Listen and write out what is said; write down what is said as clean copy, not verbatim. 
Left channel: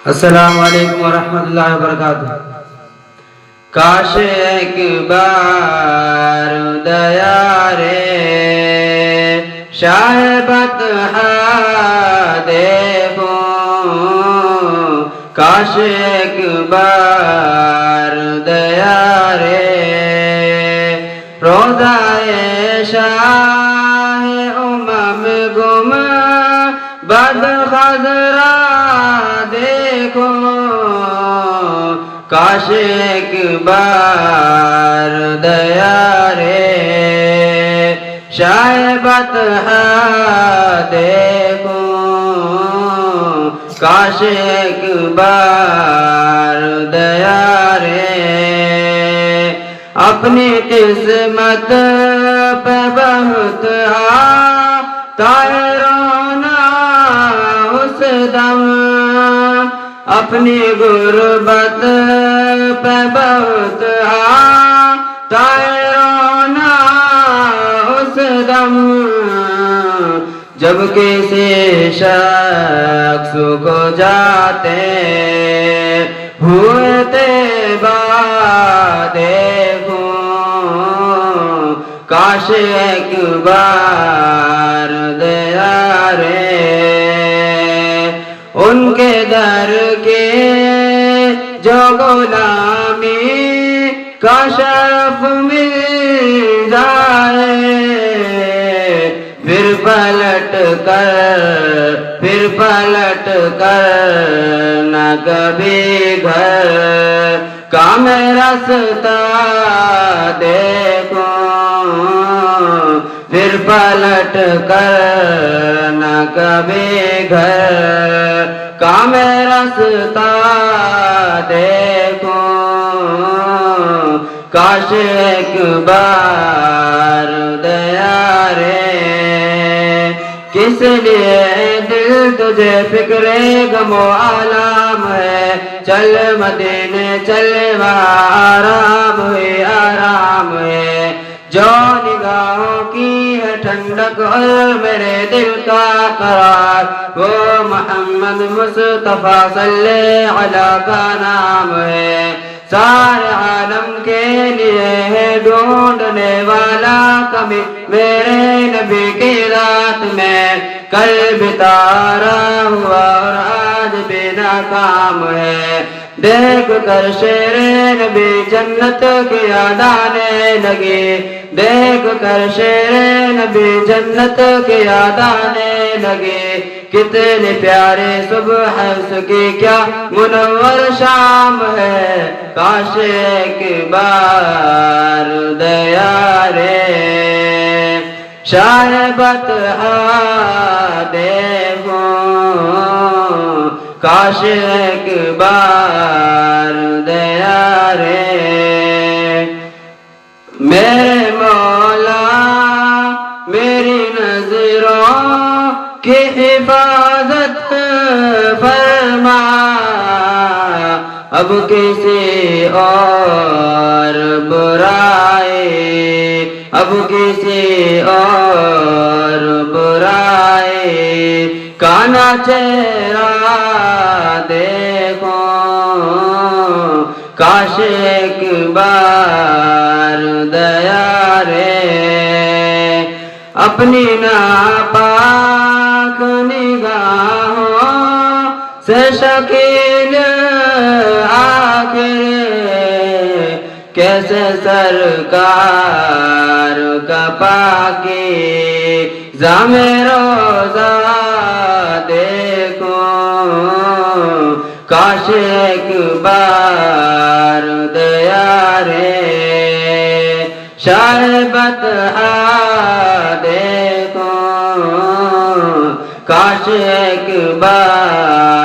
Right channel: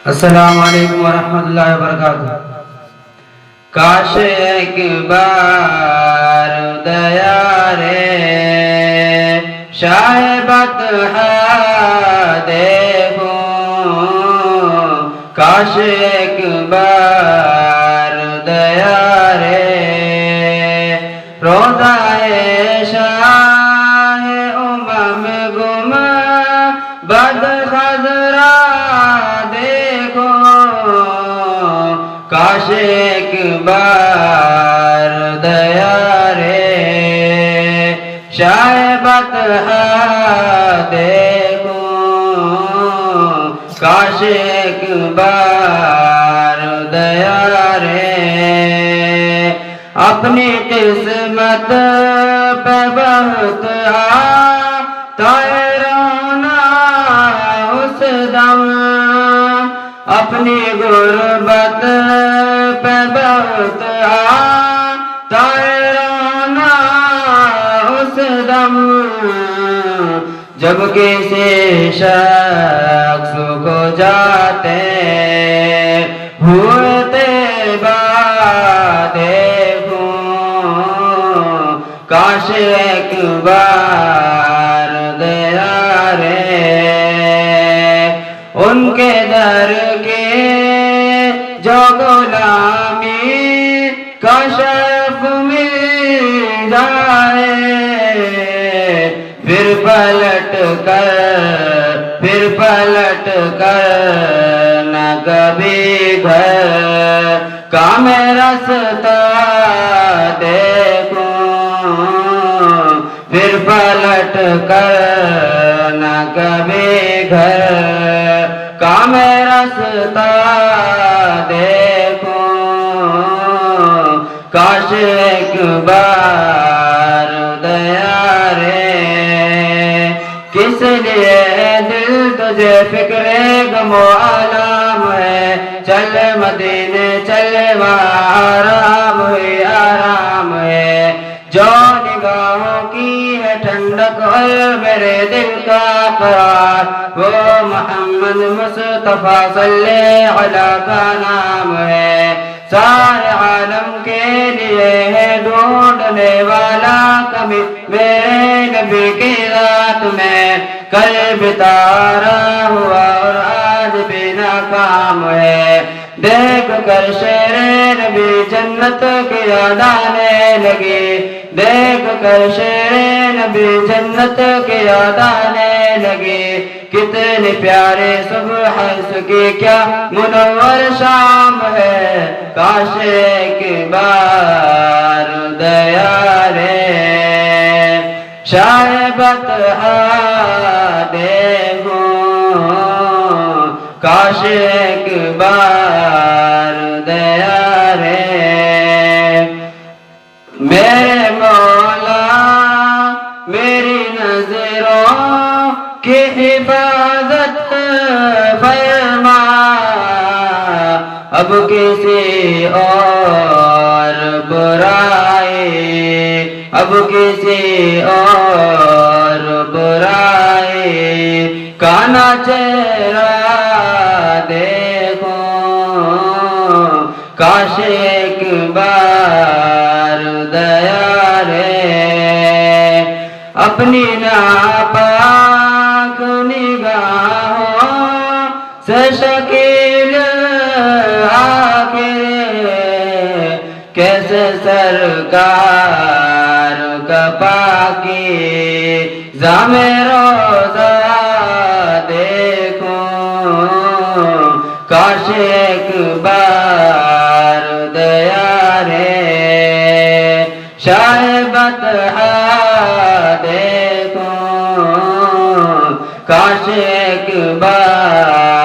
अस्सलामु अलैकुम वरहमतुल्लाहि वबरकातुह। काश एक बार दया रे शाह बतहा देखो, काश एक बार दया रे रोज़ाए शाह उमम गुम बद खजरा देखो, काश एक बार दया रे शाह बतहा देखो, काश एक बार दया रे अपनी किस्मत पे बहुत आता रोना उस दम, अपनी गुर्बत पे बहुत आता रोना उस दम, जब किसी शख्स को जाते हुए तैबा देखूं, काश एक बार दया रे उनके दर के जो गुलामी का शर्फ मिल जाए, फिर पलट कर न कभी घर का मैं रास्ता देखूं, फिर पलट कर न कभी घर का मैं रास्ता देखूं, काश एक बार दया रे किस लिए दिल तुझे फिक्रे गमो आलाम है, चल मदीने चल आराम है, जो निगाहों की है ठंडक और मेरे दिल का करार, वो मोहम्मद मुस्तफा सल्लल्लाहु अलैहि का नाम है, सारे आलम के लिए है ढूंढने वाला कभी मेरे नबी की रात में, कल बितारा हुआ और आज भी नाकाम है, देख कर शेरे नबी जन्नत की याद आने लगी, देख कर शेरे नबी जन्नत की याद आने लगी, कितने प्यारे सुबह की क्या मुनव्वर शाम है, काश एक बार दया रे शाह बतहा देखो, काश एक बार दया रे मेरे मौला मेरी नजरों की हिफाजत फरमा, अब किसी और बुराई, अब किसी और बुराई का ना चेहरा देखो, काश एक बार दया रे अपनी नापाक निगाहों से शकील आके कैसे सरकार का पाकी जामे रोज़ा देखो, काश एक बार दया रे शाह बतहा देखो, काश एक बार